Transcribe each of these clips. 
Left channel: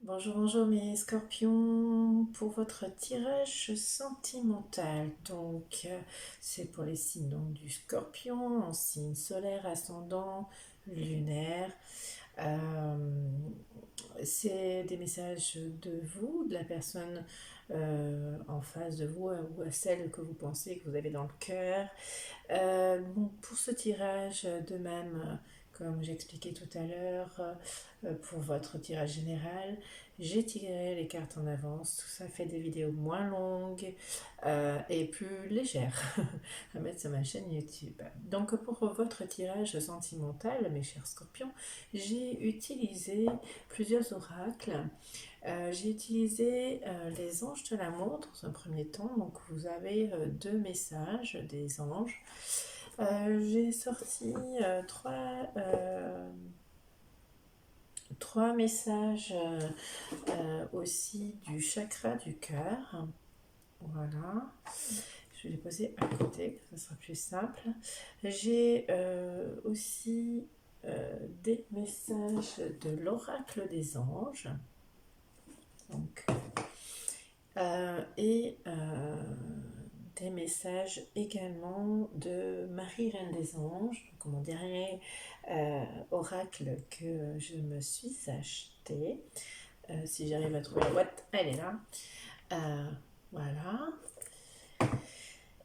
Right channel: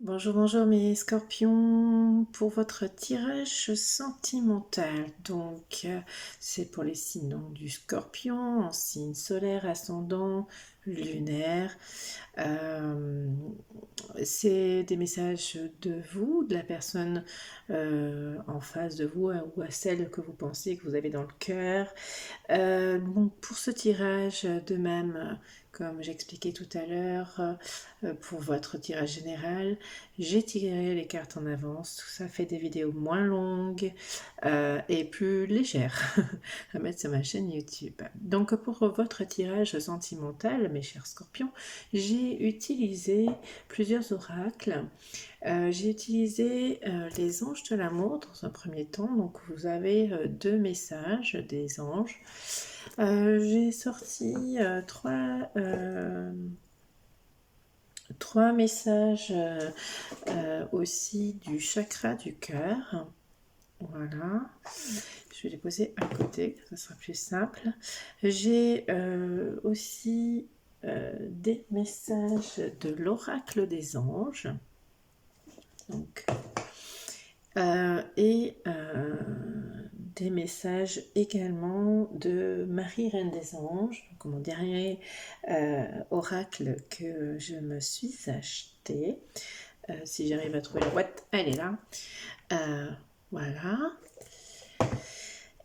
Bonjour, bonjour mes scorpions, pour votre tirage sentimental. C'est pour les signes du scorpion, en signe solaire, ascendant, lunaire. Euh, c'est des messages de vous, de la personne en face de vous ou à celle que vous pensez que vous avez dans le cœur. Donc pour ce tirage, de même, comme j'expliquais tout à l'heure, pour votre tirage général, j'ai tiré les cartes en avance. Tout ça fait des vidéos moins longues et plus légères à mettre sur ma chaîne YouTube. Donc pour votre tirage sentimental, mes chers scorpions, j'ai utilisé plusieurs oracles. J'ai utilisé les anges de l'amour dans un premier temps. Donc vous avez deux messages des anges. J'ai sorti trois messages aussi du chakra du cœur. Voilà. Je vais les poser à côté, ça sera plus simple. J'ai aussi des messages de l'oracle des anges. Donc, et des messages également de Marie Reine des Anges, donc mon dernier oracle que je me suis acheté. Si j'arrive à trouver la boîte, elle est là. Voilà.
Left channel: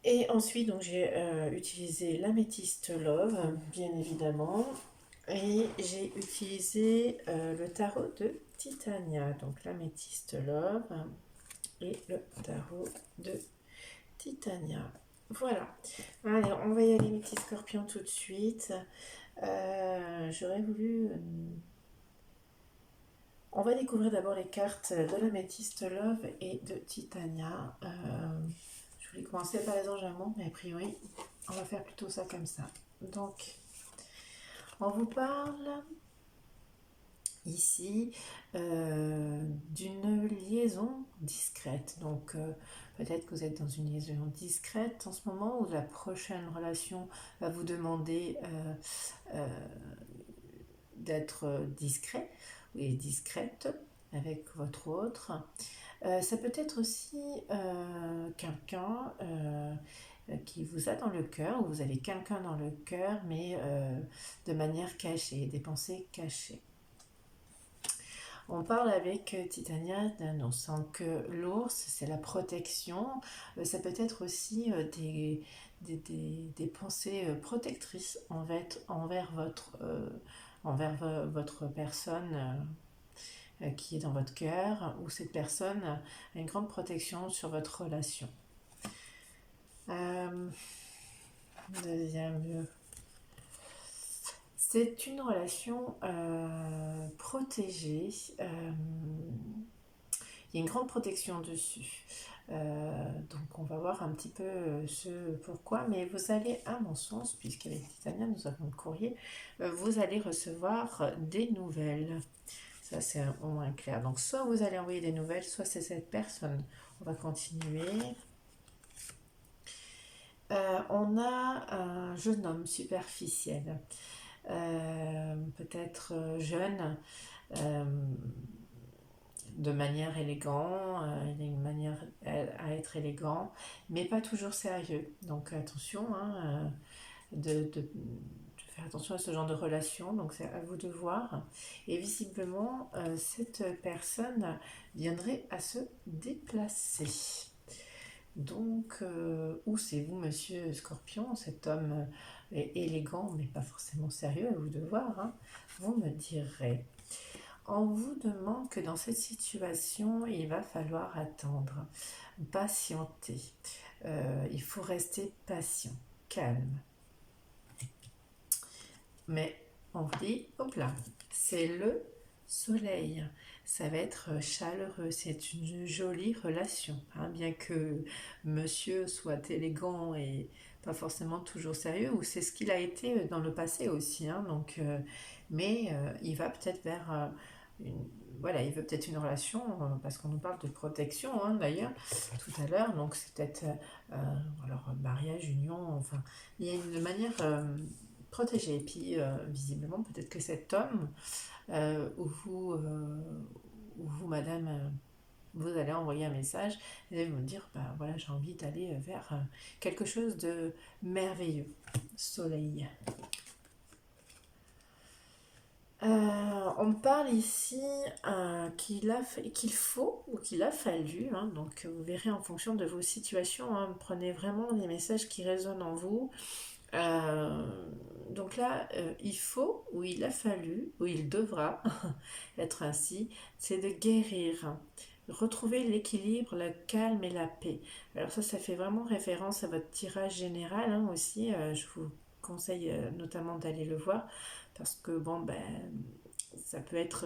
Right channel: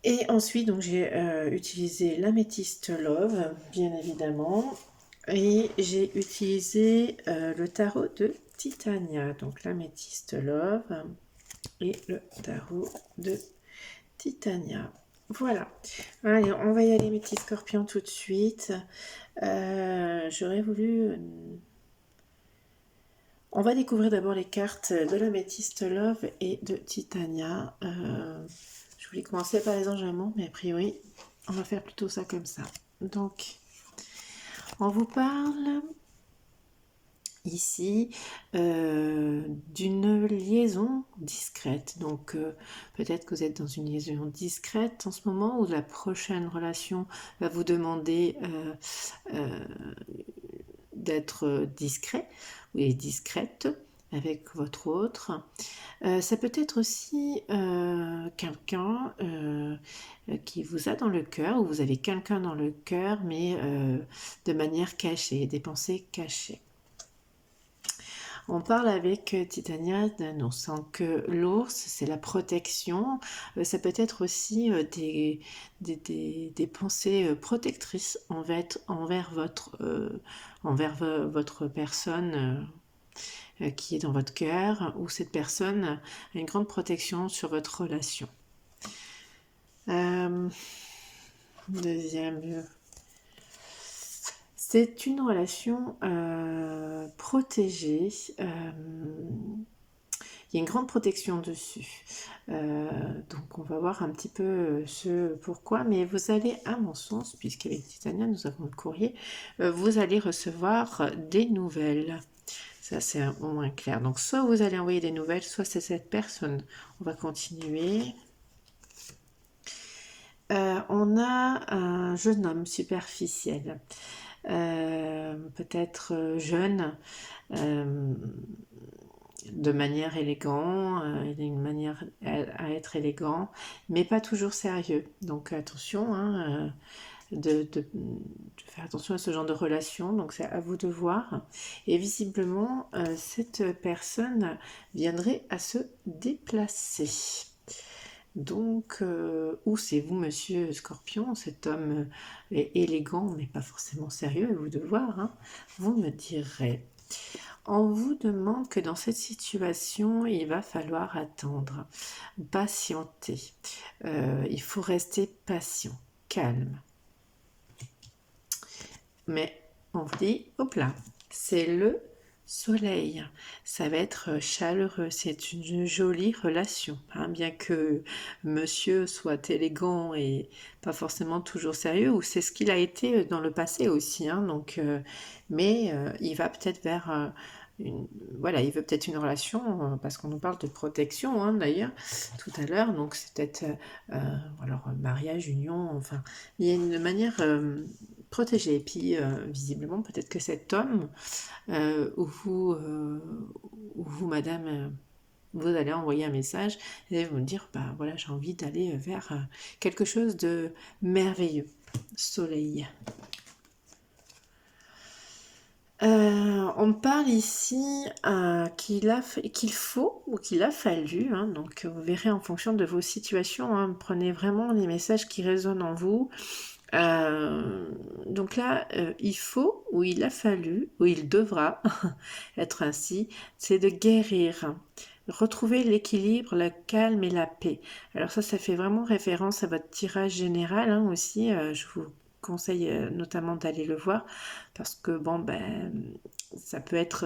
Et ensuite, donc j'ai utilisé l'améthyste Love, bien évidemment, et j'ai utilisé le tarot de Titania, donc l'améthyste Love et le tarot de Titania. Voilà. Allez, on va y aller, mes petits scorpions, tout de suite. J'aurais voulu... On va découvrir d'abord les cartes de l'améthyste Love et de Titania. Je voulais commencer par les anges amour, mais a priori, on va faire plutôt ça comme ça. Donc, on vous parle ici d'une liaison discrète. Donc peut-être que vous êtes dans une liaison discrète en ce moment, ou la prochaine relation va vous demander d'être discret et discrète avec votre autre. Ça peut être aussi quelqu'un qui vous a dans le cœur, ou vous avez quelqu'un dans le cœur, mais de manière cachée, des pensées cachées. On parle avec Titania d'annonce. Donc l'ours, c'est la protection. Ça peut être aussi des pensées protectrices envers votre personne qui est dans votre cœur, ou cette personne a une grande protection sur votre relation. Deuxième, c'est une relation protégée. Il y a une grande protection dessus. Donc on va voir un petit peu ce pourquoi, mais vous allez, à mon sens, puisqu'avec Titania nous avons le courrier, vous allez recevoir des nouvelles. Ça c'est au moins clair. Donc soit vous allez envoyer des nouvelles, soit c'est cette personne. On va continuer. On a un jeune homme superficiel, peut-être jeune, de manière élégante, il a une manière à être élégant, mais pas toujours sérieux. Donc attention, hein, de faire attention à ce genre de relation. Donc c'est à vous de voir. Et visiblement, cette personne viendrait à se déplacer. Donc, ou c'est vous, monsieur Scorpion, cet homme est élégant, mais pas forcément sérieux, à vous de voir, hein. Vous me direz. On vous demande que dans cette situation, il va falloir attendre, patienter. Il faut rester patient, calme. Mais on vous dit, hop là, c'est le soleil. Ça va être chaleureux, c'est une jolie relation. Hein, bien que monsieur soit élégant et pas forcément toujours sérieux, ou c'est ce qu'il a été dans le passé aussi. Hein, donc, mais il va peut-être vers... voilà, il veut peut-être une relation, parce qu'on nous parle de protection, hein, d'ailleurs, tout à l'heure. Donc c'est peut-être alors mariage, union, enfin, il y a une manière protégée. Et puis visiblement, peut-être que cet homme où vous madame, vous allez envoyer un message et vous me dire, bah voilà, j'ai envie d'aller vers quelque chose de merveilleux. Soleil. On me parle ici qu'il faut ou qu'il a fallu, hein, donc vous verrez en fonction de vos situations, hein, prenez vraiment les messages qui résonnent en vous. Donc là, il faut ou il a fallu ou il devra être ainsi, c'est de guérir, retrouver l'équilibre, le calme et la paix. Alors ça fait vraiment référence à votre tirage général, hein, aussi. Je vous conseille notamment d'aller le voir parce que bon ben ça peut être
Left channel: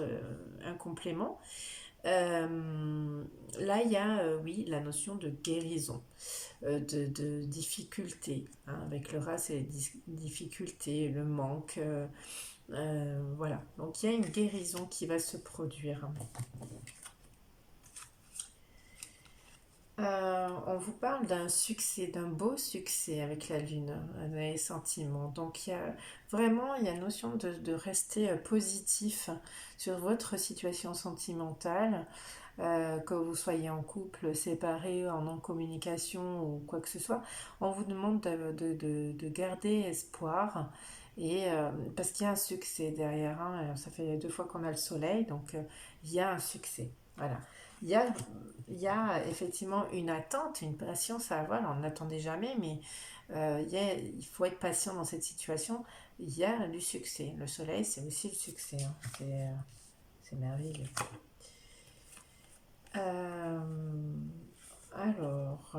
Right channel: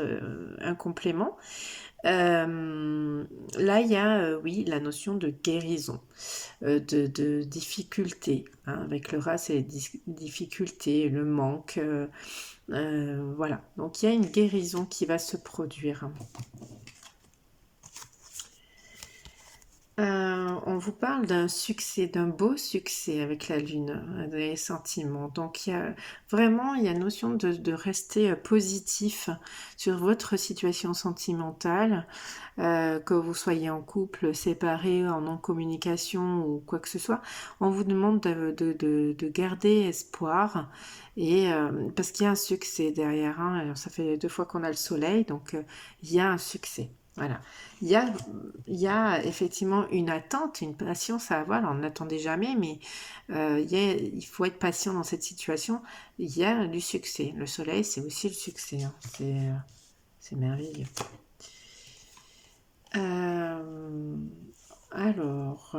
un complément. Là il y a oui la notion de guérison, de difficulté, hein. Avec le rat c'est les difficultés, le manque, voilà, donc il y a une guérison qui va se produire. On vous parle d'un succès, d'un beau succès avec la lune, des sentiments. Donc il y a notion de rester positif sur votre situation sentimentale, que vous soyez en couple, séparé, en non-communication ou quoi que ce soit. On vous demande de garder espoir. Et parce qu'il y a un succès derrière, hein. Alors, ça fait 2 fois qu'on a le soleil, donc il y a un succès. Voilà. Il y a, il y a effectivement une attente, une patience à avoir. Alors, on n'attendait jamais, mais il faut être patient dans cette situation. Il y a du succès. Le soleil, c'est aussi le succès, hein. C'est merveilleux. Alors,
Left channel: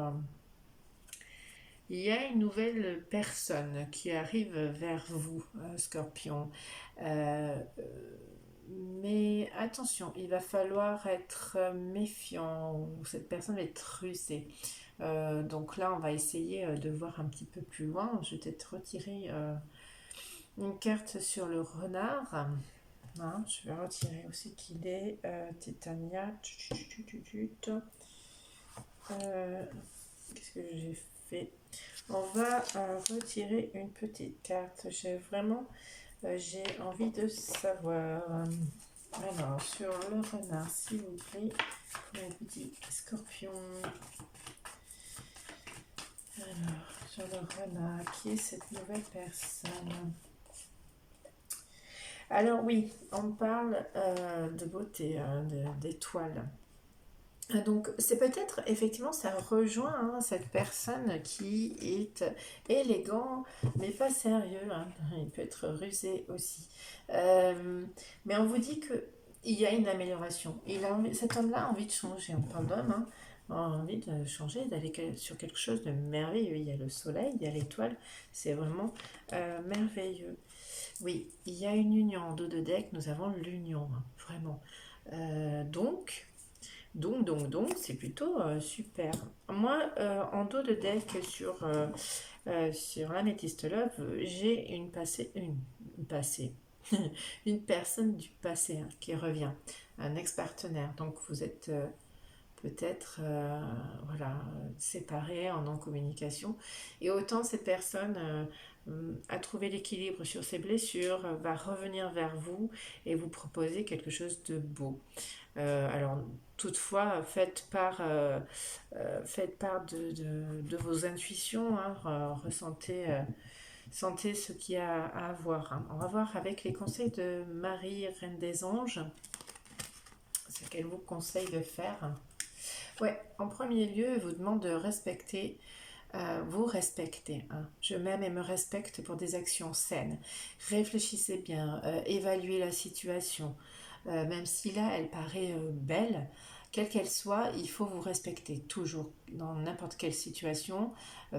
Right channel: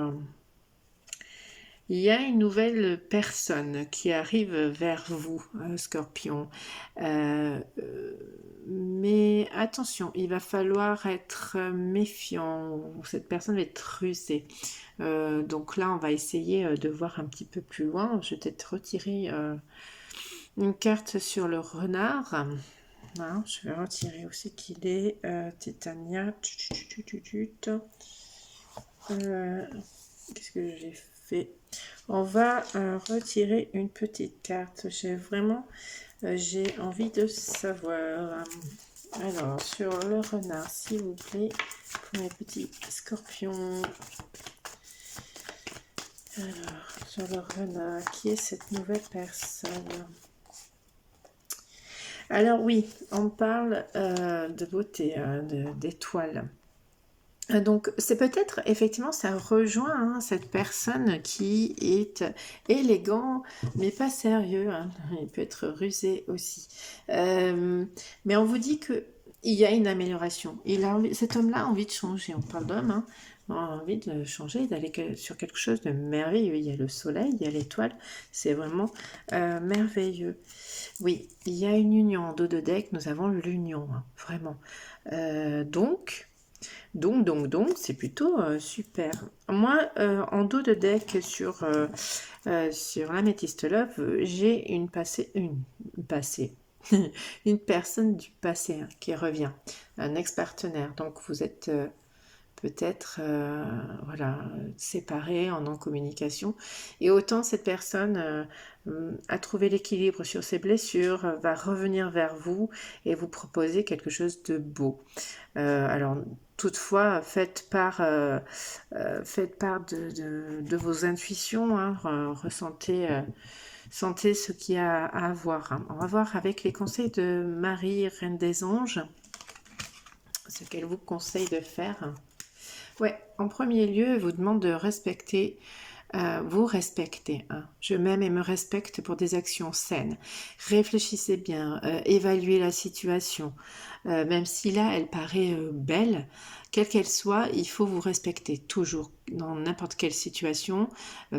il y a une nouvelle personne qui arrive vers vous, Scorpion. Mais attention, il va falloir être méfiant. Cette personne va être rusée. Donc là, on va essayer de voir un petit peu plus loin. Je vais peut-être retirer une carte sur le renard. Hein, je vais retirer aussi qu'il est Titania. Qu'est-ce que j'ai fait? On va retirer une petite carte. J'ai envie de savoir. Alors, sur le renard, s'il vous plaît, pour mes petits scorpions. Alors, sur le renard, qui est cette nouvelle personne? Alors oui, on parle de beauté, hein, d'étoiles. Donc c'est peut-être, effectivement, ça rejoint, hein, cette personne qui est élégant, mais pas sérieux, hein. Il peut être rusé aussi. Mais on vous dit que il y a une amélioration. Cet homme-là a envie de changer, on parle d'homme, hein. A envie de changer, d'aller sur quelque chose de merveilleux. Il y a le soleil, il y a l'étoile, c'est vraiment merveilleux. Oui, il y a une union en dos de deck, nous avons l'union, hein, vraiment. Donc, c'est plutôt super. Moi, en dos de deck sur Amethyst Love, j'ai une personne du passé, hein, qui revient, un ex-partenaire. Donc vous êtes peut-être voilà, séparés, en non-communication. Et autant cette personne a trouvé l'équilibre sur ses blessures, va revenir vers vous et vous proposer quelque chose de beau. Alors, toutefois, faites part de vos intuitions, hein, sentez ce qu'il y a à voir, hein. On va voir avec les conseils de Marie, Reine des Anges, ce qu'elle vous conseille de faire. Ouais, en premier lieu, elle vous demande de respecter. Vous respectez, hein. Je m'aime et me respecte pour des actions saines. Réfléchissez bien, évaluez la situation. Même si là, elle paraît belle, quelle qu'elle soit, il faut vous respecter toujours, dans n'importe quelle situation,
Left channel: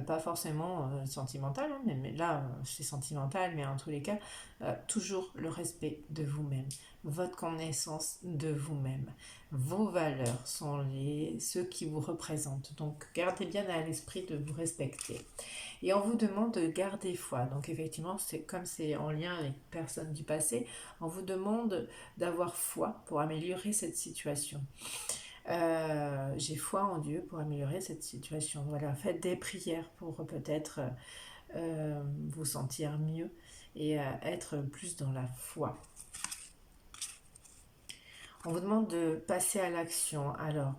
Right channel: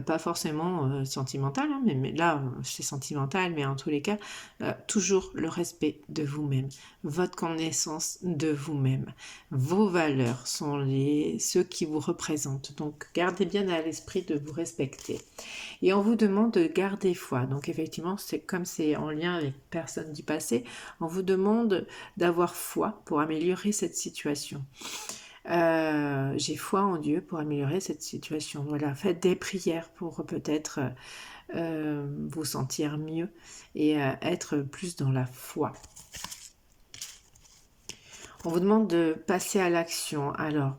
pas forcément sentimentale, hein, mais là, c'est sentimental, mais en tous les cas, toujours le respect de vous-même, votre connaissance de vous-même. Vos valeurs sont ceux qui vous représentent, donc gardez bien à l'esprit de vous respecter. Et on vous demande de garder foi, donc effectivement, c'est comme c'est en lien avec personne du passé, on vous demande d'avoir foi pour améliorer cette situation. J'ai foi en Dieu pour améliorer cette situation. Voilà, faites des prières pour peut-être vous sentir mieux et être plus dans la foi. On vous demande de passer à l'action. Alors,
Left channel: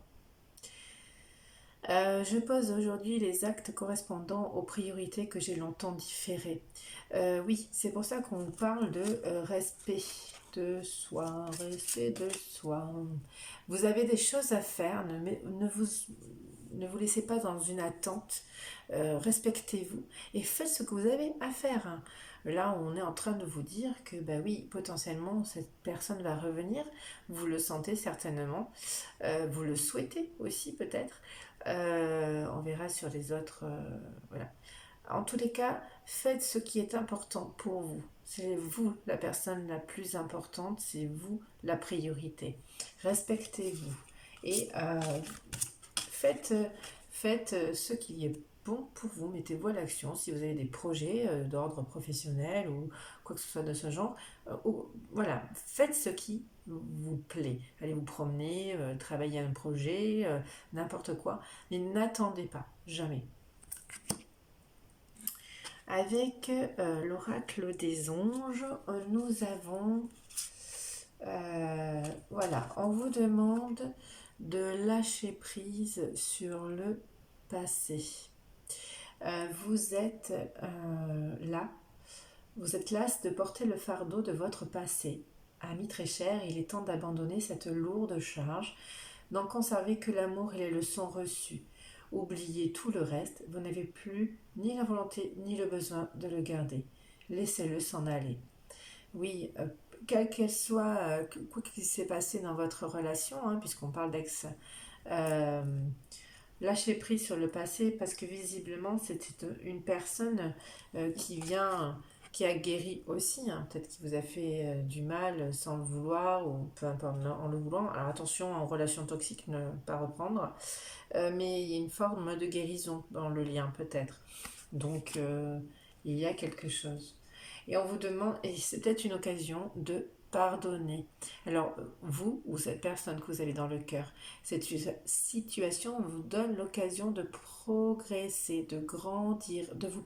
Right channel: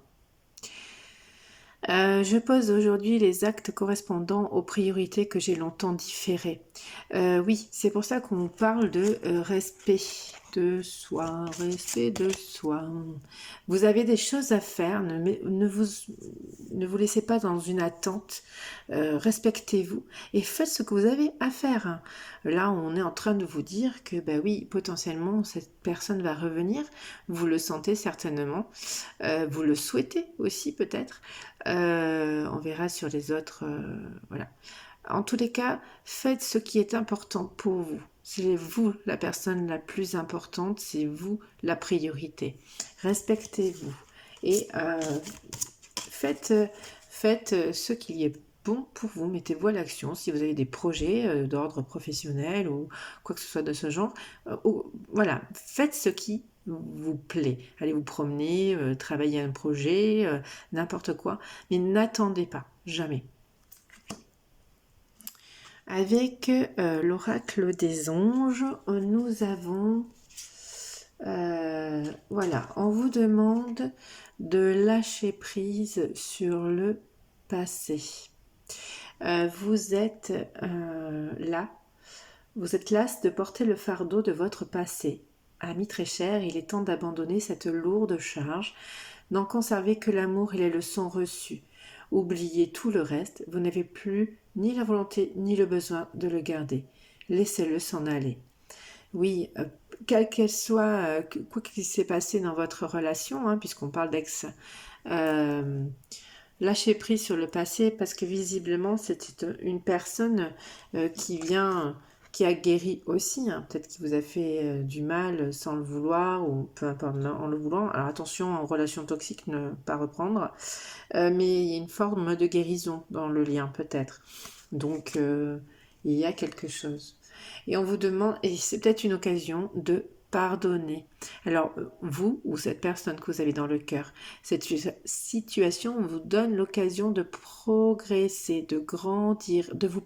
je pose aujourd'hui les actes correspondant aux priorités que j'ai longtemps différées. Oui, c'est pour ça qu'on parle de respect de soi, respect de soi. Vous avez des choses à faire, ne vous laissez pas dans une attente, respectez-vous et faites ce que vous avez à faire. Là, on est en train de vous dire que, bah oui, potentiellement, cette personne va revenir, vous le sentez certainement, vous le souhaitez aussi peut-être. On verra sur les autres. Voilà. En tous les cas, faites ce qui est important pour vous. C'est vous la personne la plus importante, c'est vous la priorité. Respectez-vous et faites, faites ce qui est bon pour vous. Mettez-vous à l'action. Si vous avez des projets d'ordre professionnel ou quoi que ce soit de ce genre, voilà, faites ce qui vous plaît. Allez vous promener, travailler un projet, n'importe quoi. Mais n'attendez pas, jamais. Avec l'oracle des anges, nous avons, voilà, on vous demande de lâcher prise sur le passé. Vous êtes là, vous êtes las de porter le fardeau de votre passé. Ami très cher, il est temps d'abandonner cette lourde charge, n'en conserver que l'amour et les leçons reçues. Oubliez tout le reste, vous n'avez plus ni la volonté ni le besoin de le garder. Laissez-le s'en aller. Oui, quelle qu'elle soit, quoi qu'il s'est passé dans votre relation, hein, puisqu'on parle d'ex, euh, lâchez prise sur le passé parce que visiblement c'était une personne qui a guéri aussi, hein. Peut-être qu'il vous a fait du mal sans le vouloir ou peu importe en le voulant. Alors attention en relation toxique, ne pas reprendre. Mais il y a une forme de guérison dans le lien peut-être. Donc il y a quelque chose. Et on vous demande, et c'est peut-être une occasion de pardonner. Alors vous ou cette personne que vous avez dans le cœur, cette situation vous donne l'occasion de progresser, de grandir, de vous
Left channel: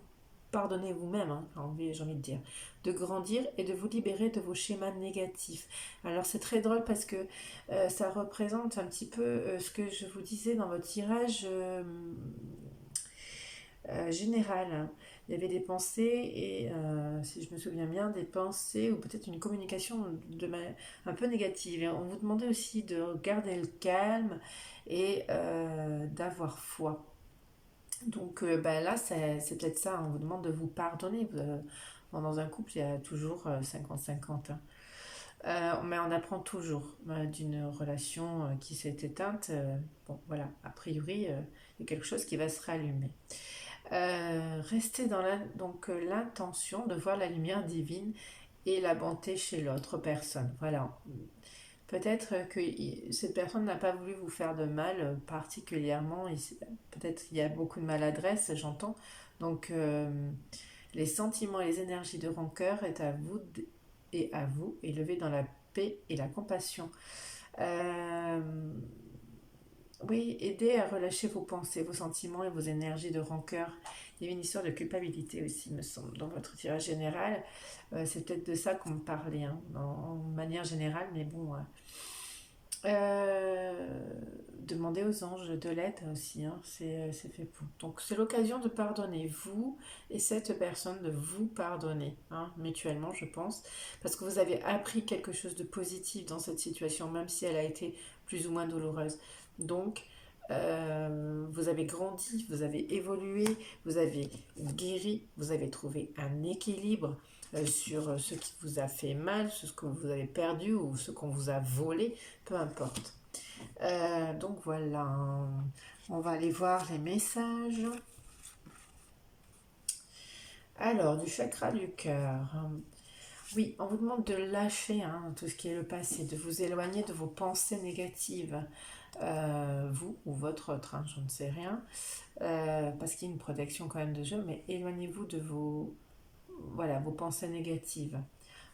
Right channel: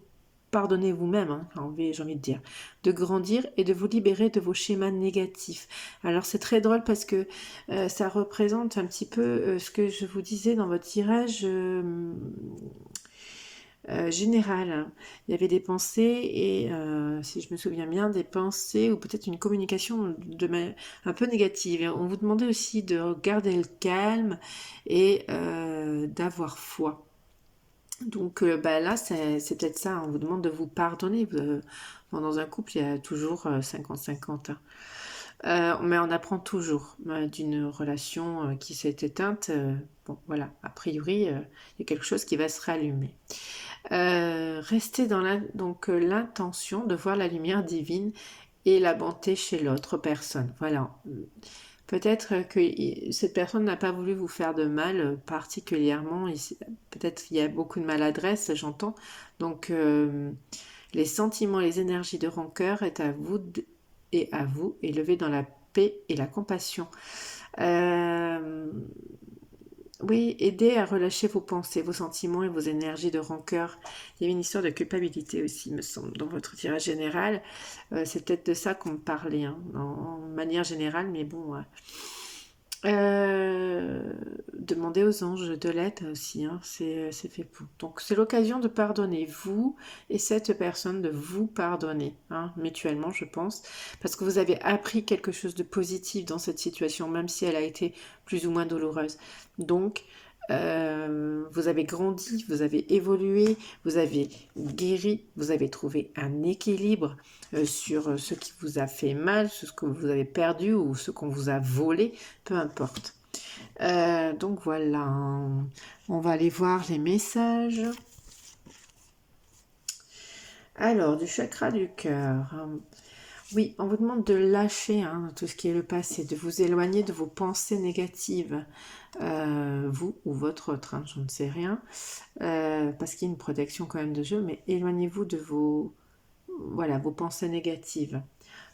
pardonner vous-même, hein, j'ai envie de dire, de grandir et de vous libérer de vos schémas négatifs. Alors c'est très drôle parce que ça représente un petit peu ce que je vous disais dans votre tirage général. Il y avait des pensées et, si je me souviens bien, des pensées ou peut-être une communication un peu négative. On vous demandait aussi de garder le calme et d'avoir foi. Donc bah là, c'est peut-être ça, on vous demande de vous pardonner. Dans un couple, il y a toujours 50-50. Hein. Mais on apprend toujours d'une relation qui s'est éteinte. Bon, voilà, a priori, il y a quelque chose qui va se rallumer. Restez dans donc l'intention de voir la lumière divine et la bonté chez l'autre personne. Voilà. Peut-être que cette personne n'a pas voulu vous faire de mal particulièrement. Peut-être qu'il y a beaucoup de maladresse, j'entends. Donc, les sentiments, les énergies de rancœur est à vous et à vous, élevés dans la paix et la compassion. Oui, aider à relâcher vos pensées, vos sentiments et vos énergies de rancœur. Il y avait une histoire de culpabilité aussi, me semble, dans votre tirage général. C'est peut-être de ça qu'on me parlait, hein, en manière générale, mais bon. Demandez aux anges de l'aide aussi, hein, c'est fait pour. Donc c'est l'occasion de pardonner vous et cette personne, de vous pardonner, hein, mutuellement je pense, parce que vous avez appris quelque chose de positif dans cette situation, même si elle a été plus ou moins douloureuse. Donc vous avez grandi, vous avez évolué, vous avez guéri, vous avez trouvé un équilibre sur ce qui vous a fait mal, sur ce que vous avez perdu ou ce qu'on vous a volé, peu importe. Donc voilà, on va aller voir les messages. Alors, du chakra du cœur. Oui, on vous demande de lâcher tout ce qui est le passé, de vous éloigner de vos pensées négatives, vous ou votre autre, hein, je ne sais rien, parce qu'il y a une protection quand même de jeu, mais éloignez-vous de vos pensées négatives.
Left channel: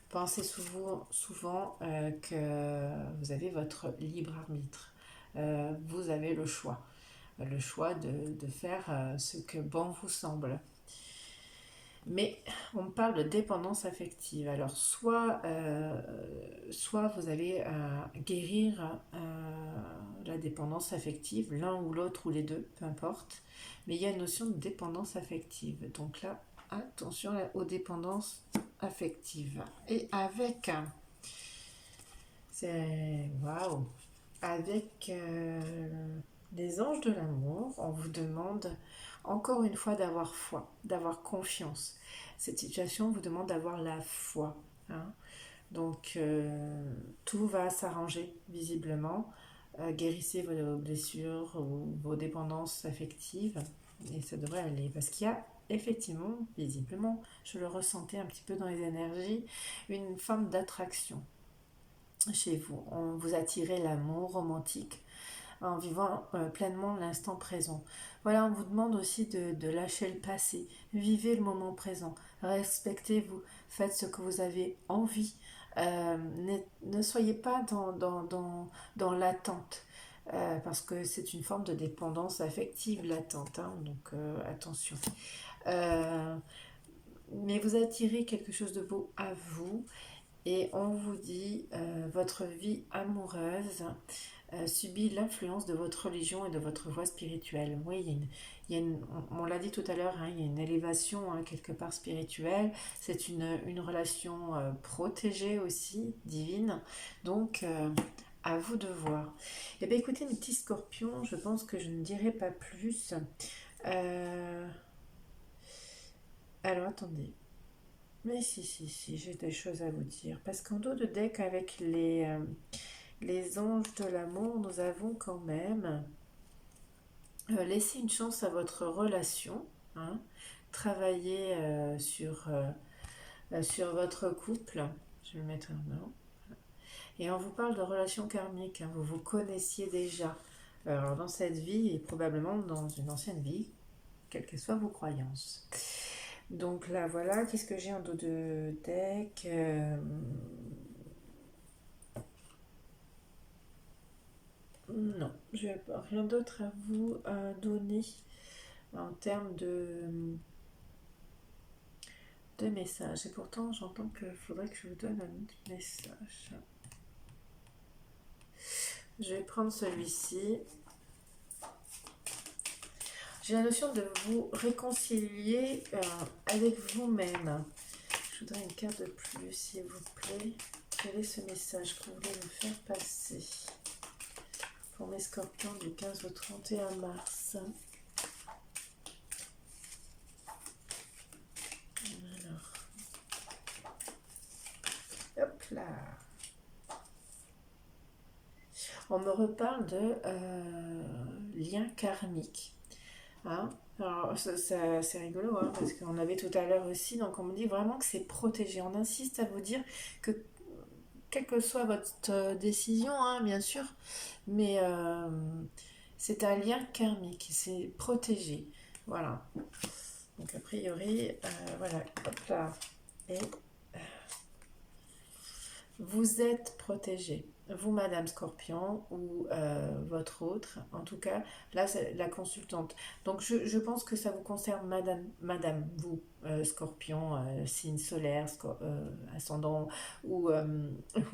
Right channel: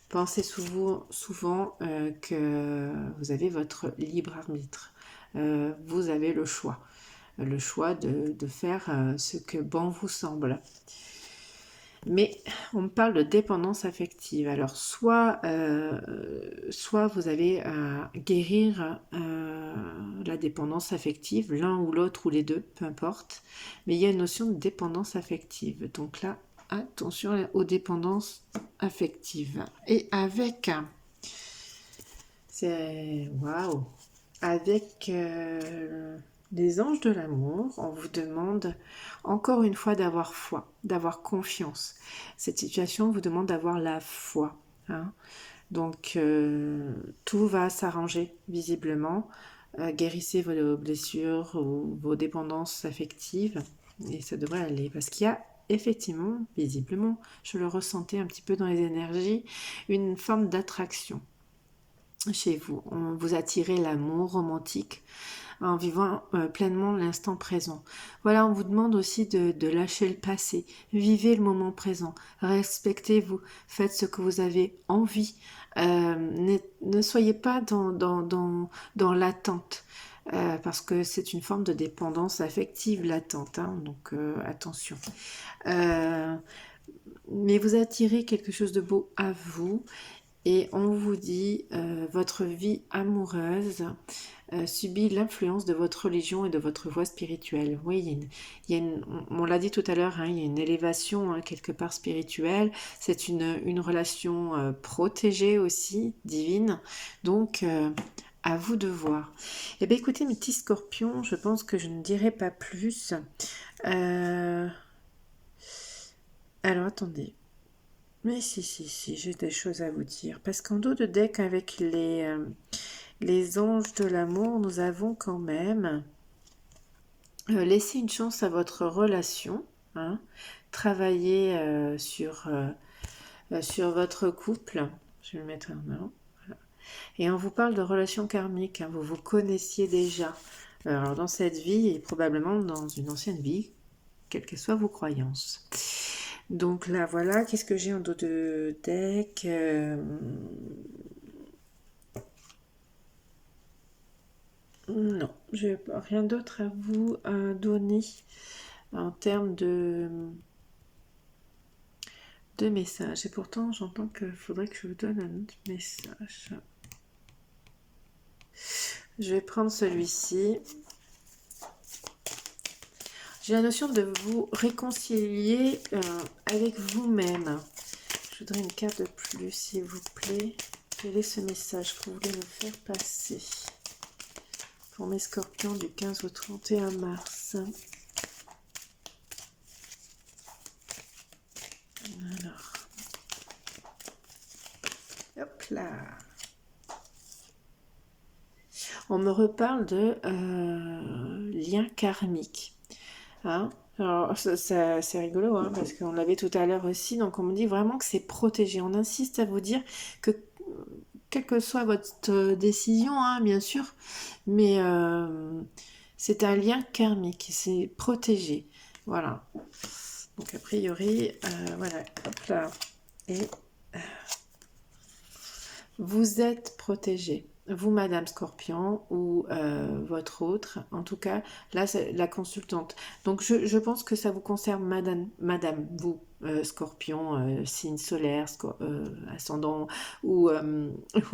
Pensez souvent que vous avez votre libre arbitre. Vous avez le choix de faire ce que bon vous semble. Mais on me parle de dépendance affective. Alors, soit vous allez guérir la dépendance affective, l'un ou l'autre ou les deux, peu importe. Mais il y a une notion de dépendance affective. Donc là, attention aux dépendances affectives. Et avec, c'est waouh, avec les anges de l'amour, on vous demande encore une fois d'avoir foi, d'avoir confiance. Cette situation vous demande d'avoir la foi, hein. Donc tout va s'arranger visiblement. Guérissez vos blessures ou vos dépendances affectives et ça devrait aller parce qu'il y a effectivement, visiblement, je le ressentais un petit peu dans les énergies, une forme d'attraction chez vous. On vous attirez l'amour romantique en vivant pleinement l'instant présent. Voilà, on vous demande aussi de lâcher le passé. Vivez le moment présent. Respectez-vous. Faites ce que vous avez envie. Ne soyez pas dans l'attente. Parce que c'est une forme de dépendance affective latente, hein, donc attention. Mais vous attirez quelque chose de beau à vous et on vous dit votre vie amoureuse subit l'influence de votre religion et de votre voie spirituelle. Oui, on l'a dit tout à l'heure, hein, il y a une élévation hein, quelque part spirituelle. C'est une relation protégée aussi, divine. Donc, à vous de voir. Eh bien, écoutez, mes petits scorpions, je pense que je ne dirai pas plus. Alors, attendez. Mais si, j'ai des choses à vous dire. Parce qu'en dos de deck, avec les anges de l'amour, nous avons quand même laissé une chance à votre relation. Hein, travailler sur votre couple. Je vais le mettre en main. Voilà. Et on vous parle de relations karmiques. Hein, vous vous connaissiez déjà. Alors dans cette vie et probablement dans une ancienne vie, quelles que soient vos croyances. Donc là, voilà, qu'est-ce que j'ai en dos de deck Non, je n'ai rien d'autre à vous donner en termes de messages. Et pourtant, j'entends qu'il faudrait que je vous donne un autre message. Je vais prendre celui-ci. J'ai la notion de vous réconcilier avec vous-même. Je voudrais une carte de plus, s'il vous plaît. Quel est ce message que vous voulez me faire passer pour mes scorpions du 15 au 31 mars? Alors, hop là. On me reparle de lien karmique. Hein, alors, c'est rigolo, hein, parce qu'on l'avait tout à l'heure aussi. Donc, on me dit vraiment que c'est protégé. On insiste à vous dire que, quelle que soit votre décision, hein, bien sûr, mais c'est un lien karmique. C'est protégé. Voilà. Donc, a priori, voilà. Hop là. Et vous êtes protégé. Vous, Madame Scorpion, ou votre autre, en tout cas, là, c'est la consultante. Donc, je pense que ça vous concerne, Madame vous, Scorpion, signe solaire, ascendant ou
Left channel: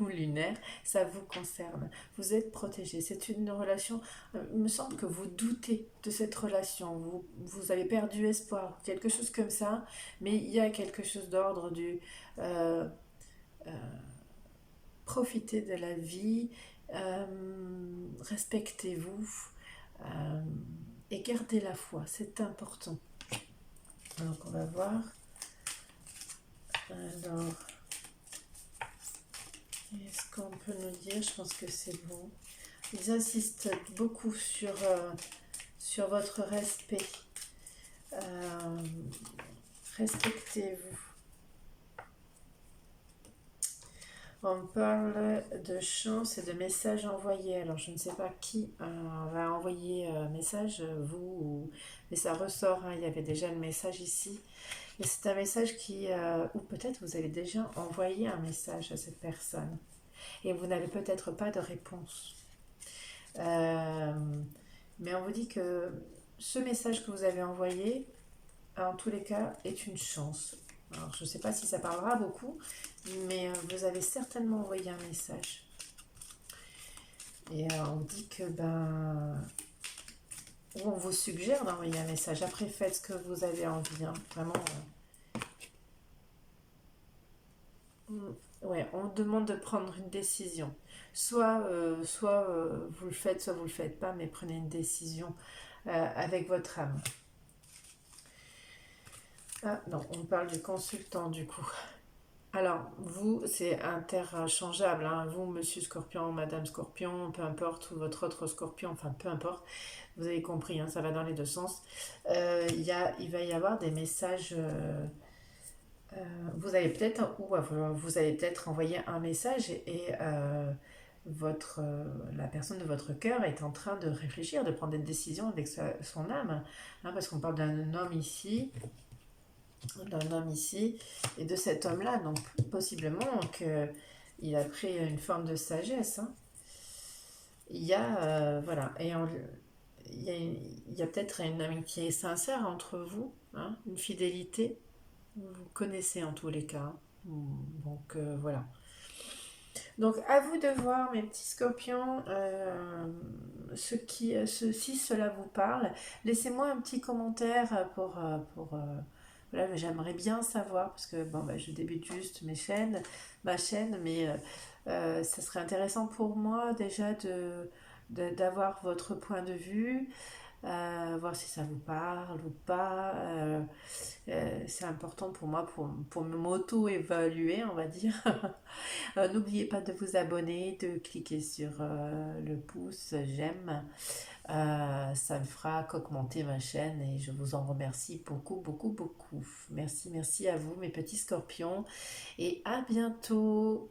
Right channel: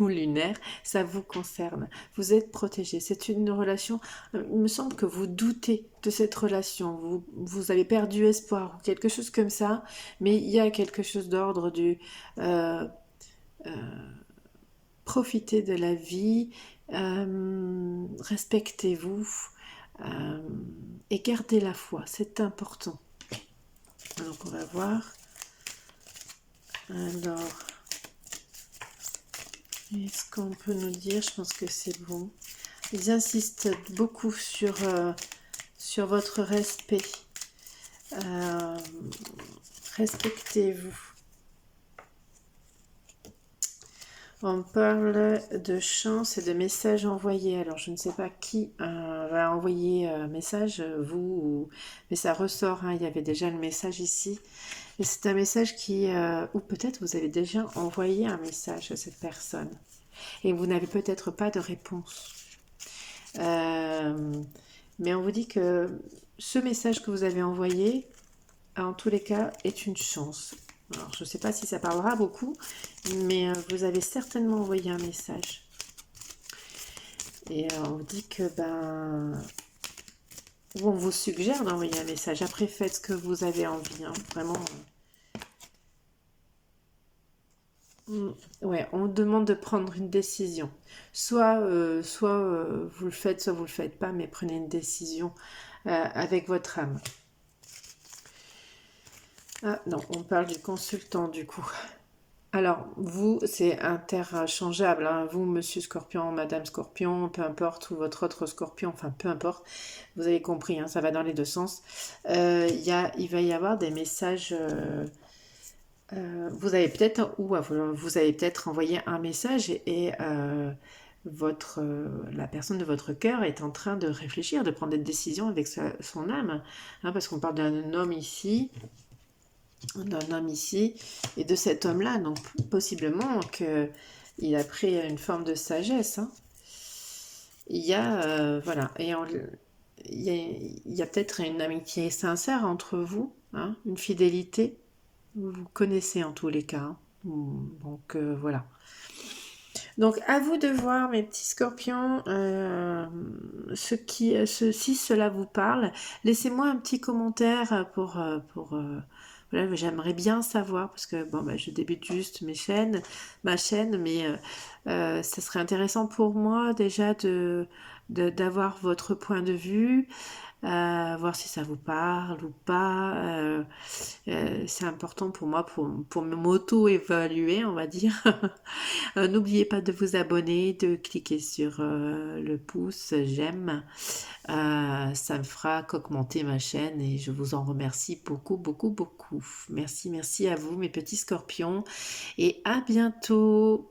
lunaire, ça vous concerne. Vous êtes protégé. C'est une relation, il me semble que vous doutez de cette relation. Vous avez perdu espoir, ou quelque chose comme ça, mais il y a quelque chose d'ordre du... euh, profitez de la vie, respectez-vous et gardez la foi, c'est important. Donc on va voir. Alors, est-ce qu'on peut nous dire? Je pense que c'est bon. Ils insistent beaucoup sur votre respect. Respectez-vous. On parle de chance et de messages envoyés. Alors, je ne sais pas qui va envoyer un message, mais ça ressort. Hein, il y avait déjà le message ici. Et c'est un message ou peut-être vous avez déjà envoyé un message à cette personne. Et vous n'avez peut-être pas de réponse. Mais on vous dit que ce message que vous avez envoyé, en tous les cas, est une chance. Alors, je ne sais pas si ça parlera beaucoup, mais vous avez certainement envoyé un message. Et on vous dit que, ou on vous suggère d'envoyer un message. Après, faites ce que vous avez envie, hein. Vraiment. Ouais, on vous demande de prendre une décision. Soit vous le faites, soit vous le faites pas, mais prenez une décision avec votre âme. Ah non, on parle du consultant du coup. Alors, vous, c'est interchangeable, hein. Vous, monsieur Scorpion, madame Scorpion, peu importe, ou votre autre Scorpion, enfin peu importe, vous avez compris, hein, ça va dans les deux sens. Il va y avoir des messages. Vous avez peut-être, vous avez peut-être envoyé un message et la personne de votre cœur est en train de réfléchir, de prendre des décisions avec son âme, hein, parce qu'on parle d'un homme ici, et de cet homme-là, donc possiblement qu'il a pris une forme de sagesse, hein. Il y a, voilà, il y a peut-être une amitié sincère entre vous, hein, une fidélité, vous vous connaissez en tous les cas, hein. Donc voilà. Donc à vous de voir, mes petits scorpions, si cela vous parle. Laissez-moi un petit commentaire voilà, j'aimerais bien savoir, parce que bon, je débute juste ma chaîne, mais ça serait intéressant pour moi déjà d'avoir votre point de vue, voir si ça vous parle ou pas. C'est important pour moi pour m'auto-évaluer, on va dire. N'oubliez pas de vous abonner, de cliquer sur le pouce j'aime. Ça me fera qu'augmenter ma chaîne et je vous en remercie beaucoup, beaucoup, beaucoup. Merci, merci à vous, mes petits scorpions, et à bientôt.